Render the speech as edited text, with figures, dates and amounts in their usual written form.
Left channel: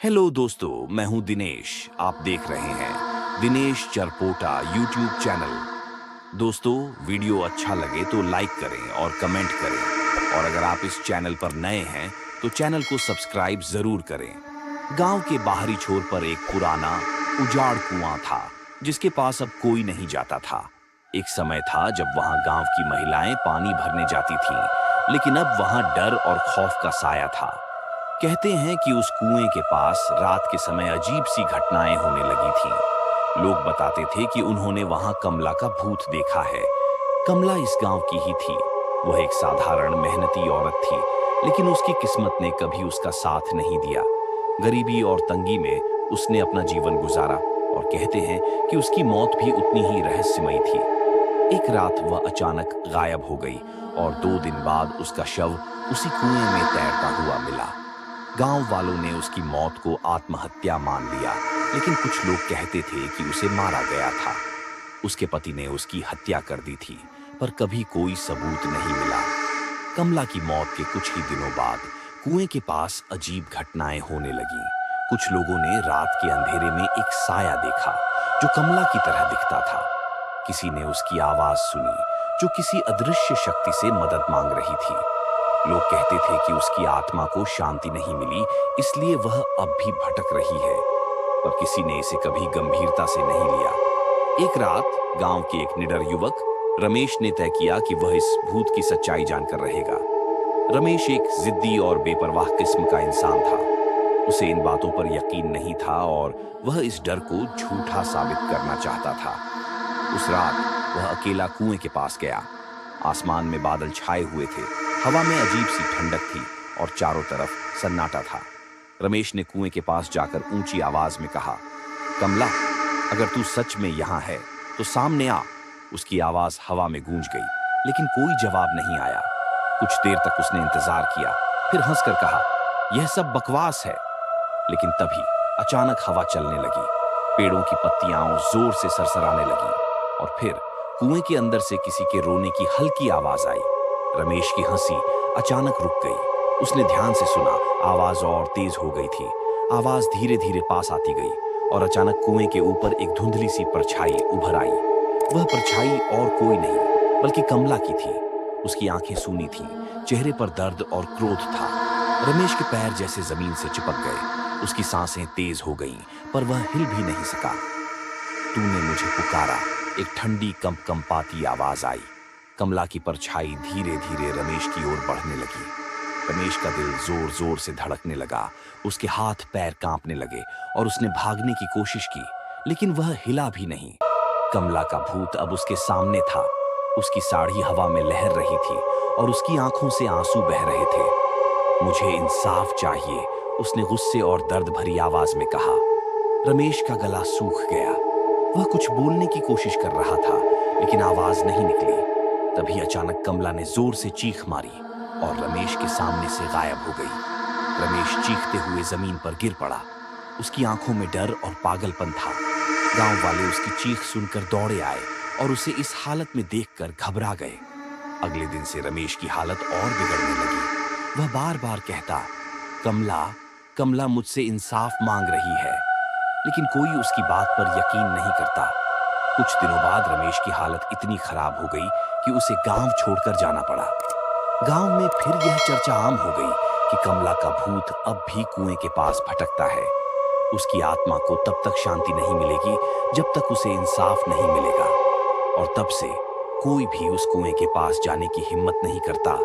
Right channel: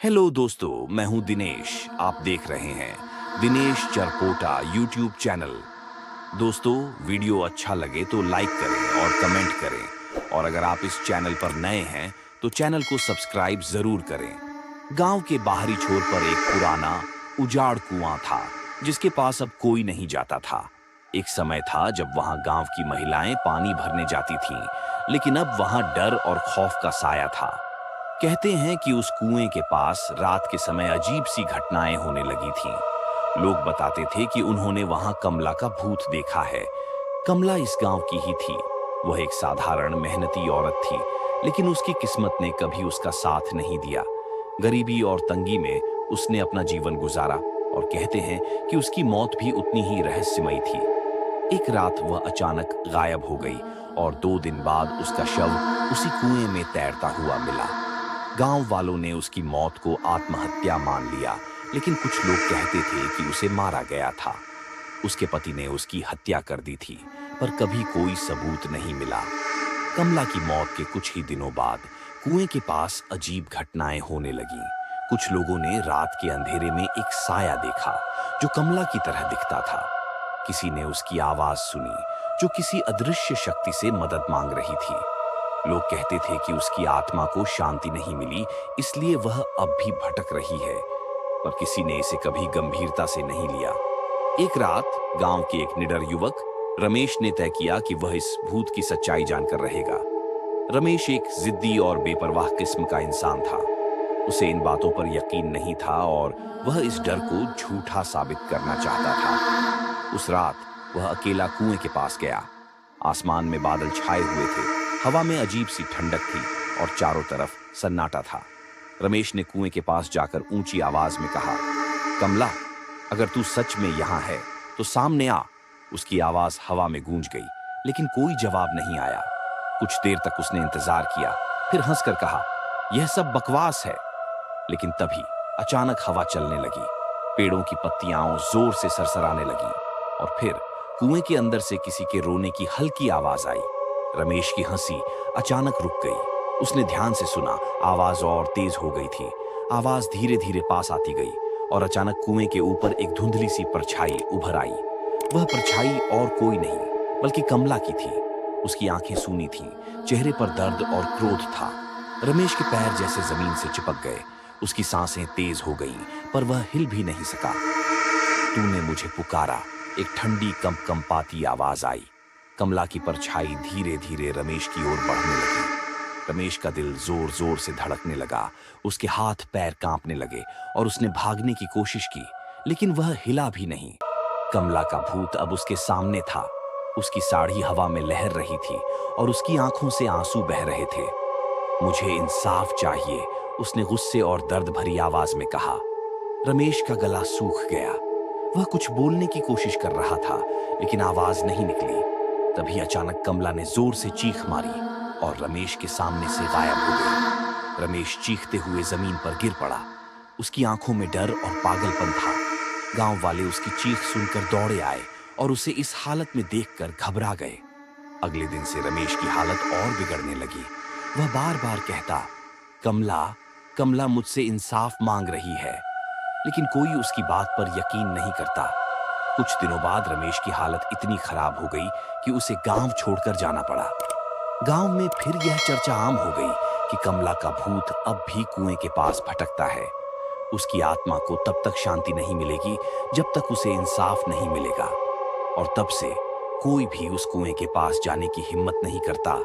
Hello दोस्तों, मैं हूं दिनेश। आप देख रहे हैं दिनेश चरपोटा यूट्यूब चैनल। दोस्तों, वीडियो अच्छा लगे तो लाइक करें और कमेंट करें, और अगर आप इस चैनल पर नए हैं तो चैनल को सब्सक्राइब जरूर करें। गांव के बाहरी छोर पर एक पुराना उजाड़ कुआं था जिसके पास अब कोई नहीं जाता था। एक समय था जब वहां गांव की महिलाएं पानी भरने जाती थीं, लेकिन अब वहां डर और खौफ का साया था। कहते हैं कि उस कुएं के पास रात के समय अजीब सी घटनाएं होने लगी थीं। लोग बताते थे कि उन्होंने वहां कमला का भूत देखा है। कमला इस गांव की ही थी। वह एक साधारण मेहनती औरत थी, लेकिन उसकी किस्मत ने कभी उसका साथ नहीं दिया। गरीबी और तंगी में उसने अपना जीवन गुजारा, और कहते हैं कि उसकी मौत भी उतनी ही रहस्यमयी थी। एक रात वह अचानक गायब हो गई, और 2 दिन बाद उसका शव उसी कुएं में तैरता हुआ मिला। गांव वालों ने उसकी मौत को आत्महत्या मान लिया, लेकिन कुछ लोग कहते थे कि उसे मारा गया था। उसके पति ने उसकी हत्या कर दी थी, पर कभी कोई सबूत नहीं मिला। कमला की मौत के कुछ ही दिनों बाद कुएं के पास अजीब घटनाएं होने लगीं। कुछ लोगों ने रात के अंधेरे में एक साया देखा जो कमला की तरह दिखता था। किसी ने उसकी आवाज सुनी जो किसी अदृश्य शक्ति से मदद मांग रही थी। लोग कहते थे कि उसकी आत्मा को शांति नहीं मिली, इसलिए वह अब भी भटक रही है, पर किसी ने इसे कभी गंभीरता से नहीं लिया। एक रात गांव के एक निडर युवक रमेश ने तय किया कि वह इस भूत की सच्चाई जानकर रहेगा। रमेश एक जिद्दी और बेपरवाह किस्म का इंसान था। उसे इन बातों पर यकीन नहीं था, और वह इस डर को झूठा साबित करना चाहता था। उस रात वह अकेला कुएं के पास गया। आसमान में बादल छाए हुए थे, हवा में अजीब सी ठंडक थी, और चारों तरफ सन्नाटा था। रमेश ने कुएं के पास जाकर ऊंची आवाज में कहा, कमला, अगर तू सच में यहां है तो सामने आ। उसकी आवाज हवा में गूंज गई, लेकिन कोई जवाब नहीं आया। कुछ देर तक उसने इंतजार किया, फिर हंसकर कहा, यह सब बकवास है। लेकिन तभी अचानक हवा चलने लगी, पेड़ों की पत्तियां जोर से सरसराने लगी, और फिर कुएं के अंदर से किसी के रोने की हल्की आवाज आई। रमेश की हंसी अचानक रुक गई। उसने ध्यान से सुना, आवाज और तेज हो गई थी। आवाज धीरे धीरे पास आती गई, और अचानक कुएं के ऊपर एक धुंधली सी परछाई उभर आई। वह परछाई और कोई नहीं बल्कि कमला की थी। उसकी आंखें सूनी थीं, चेहरे पर दर्द और क्रोध था। रमेश के पैर जैसे जमीन से चिपक गए। उसकी सांसें तेज हो गईं, पर वह हिल भी नहीं सका। तूने मुझे पुकारा, एक ठंडी कंपकंपाती आवाज आई। कमला की परछाई धीरे धीरे रमेश की ओर बढ़ने लगी। रमेश का दिल जोर जोर से धड़कने लगा। उसके हाथ पैर कांपने लगे, और उसने भागने की कोशिश की, लेकिन वह हिला भी नहीं। कमला का भूत अब उसके सामने था। उसकी साड़ी हवा में लहर रही थी, और उसकी आंखों से आंसू बह रहे थे। मुझे इंसाफ चाहिए, उसने गुस्से और दर्द भरी आवाज में कहा। रमेश का गला सूख गया। वह कुछ बोलने की कोशिश कर रहा था, लेकिन आवाज नहीं निकली। तभी अचानक कमला ने जोर से चीख मारी, और रमेश के सामने से गायब हो गई। रमेश चीखते हुए जमीन पर गिर पड़ा। उसकी आंखों में डर और पागलपन था। गांव वाले उसकी चीख सुनकर दौड़े आए, और उसे इस हालत में देखकर घबरा गए। अगले दिन से रमेश की हालत और बिगड़ने लगी। वह बार बार कहता, कमला, कमला मुझसे इंसाफ मांग रही है, लेकिन कोई उसकी बात पर यकीन नहीं करता। कुछ दिनों बाद रमेश की हालत इतनी खराब हो गई कि उसे गांव छोड़कर जाना पड़ा। गांव में फिर यह चर्चा आम हो गई कि कमला का भूत अब भी कुएं के पास भटकता है। उसकी आत्मा को तब तक शांति नहीं मिलेगी जब तक उसे इंसाफ नहीं मिलेगा, और तब से कोई भी उस कुएं के पास जाने की हिम्मत नहीं करता